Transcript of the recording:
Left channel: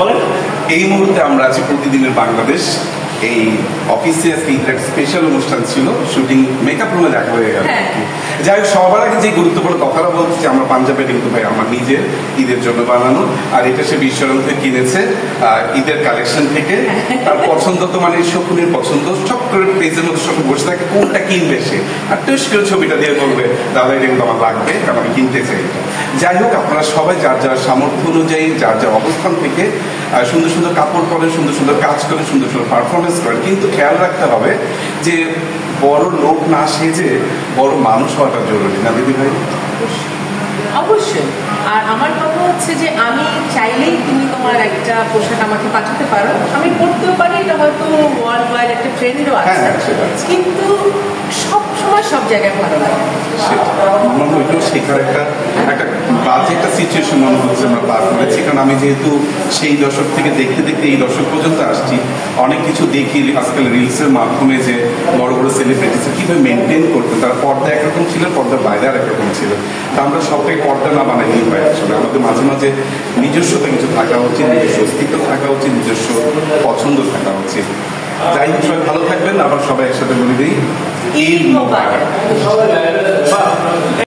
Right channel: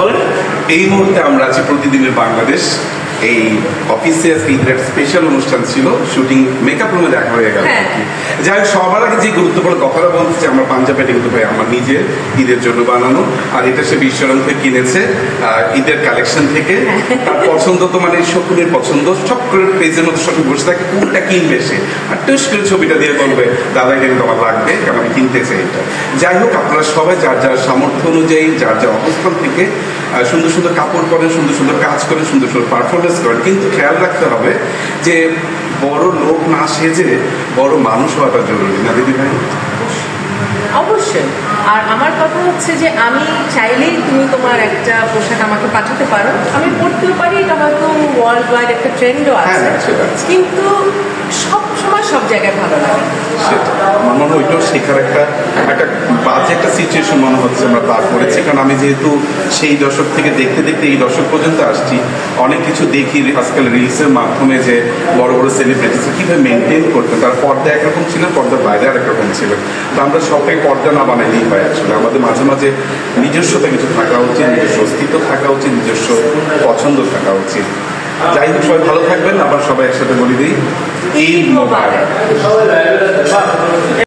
বলেন। এই মুহূর্তে আমরা আছি প্রতিদিনের বাংলাদেশ। এই অফিসে আজকে ঈদের একটা স্পেশাল অনুষ্ঠান ছিল, শুটিং মেকআপ রুমে দেখা হয়ে গেল। যাই হোক, সবার আগে যে গুরুত্বপূর্ণ কথাটা বলছে, আমরা পাঞ্জাবের কিন্তু ভাই আমার নিজের ঈদের জন্য বানানো, আর এটা সে বিশ্বরম থেকে কিনেছে ঈদের কালেকশন থেকে। আর পছন্দ তো মানে শকুনের পছন্দ, সব করে পেজের মধ্যে সব বসে থাকে কোনটা কিনবে সে, আর টুস করে ছবিটা দিয়ে বলবে দাদা এটা কিন্তু আমার লাগবে, কারণ আমি কিনতে চাই। যাই হোক, আপনারা সবাই যার যার সামর্থ্য অনুযায়ী যার যার অবস্থান থেকে সুন্দর সুন্দর কাপড় পরেন, সুন্দর সুন্দর কাজ করেন, সুন্দর সুন্দর পারফরমেন্স করেন, কিন্তু খেয়াল রাখতে হবে যে বড় লোক না সেজে বড় মানুষ হওয়াটা জরুরি না দিদি ভাই? অবশ্যই। আর আমার কথা হচ্ছে যে আমি চাইলেই তুমি তোমার একটা পোশাক আমাকে পাঠাতে পারো, আমি পড়তেও পারি, এটা হয়তো ওয়ার্ল্ড ওয়াইড একটা ট্রেন্ডও আছে, কিন্তু সব সময় সব জায়গায় ভালো লাগে। আমার ওইটাও শেখার একটা বাজে একটা সিচুয়েশন মনে হচ্ছে আমরা পার করেছি, কারণ আমি যেহেতু সেই দশক থেকে দেখতে দেখতে এই দশক পর্যন্ত আসছি, অনেক কিছু দেখি আজকাল রিলসের মাধ্যমে যে বড় বড় সেলিব্রিটিস কিভাবে মেনটেন করতে, তার পর্দা একরকম ছিল, পর্দার বাইরে আর একরকম ছিল। তা আমরা সবটাই পর্দা না বানাইলেই হয়। আসলে আমাদের মাঝে মাঝে নিজস্বতা কিছু থাকা উচিত, নিজস্ব অস্তিত্ব থাকা উচিত, নিজস্ব পছন্দ থাকা উচিত। যাই হোক, সবাই ভালো থাকবেন। আবার সবাই একসাথে বলে দিই ঈদ মোবারক।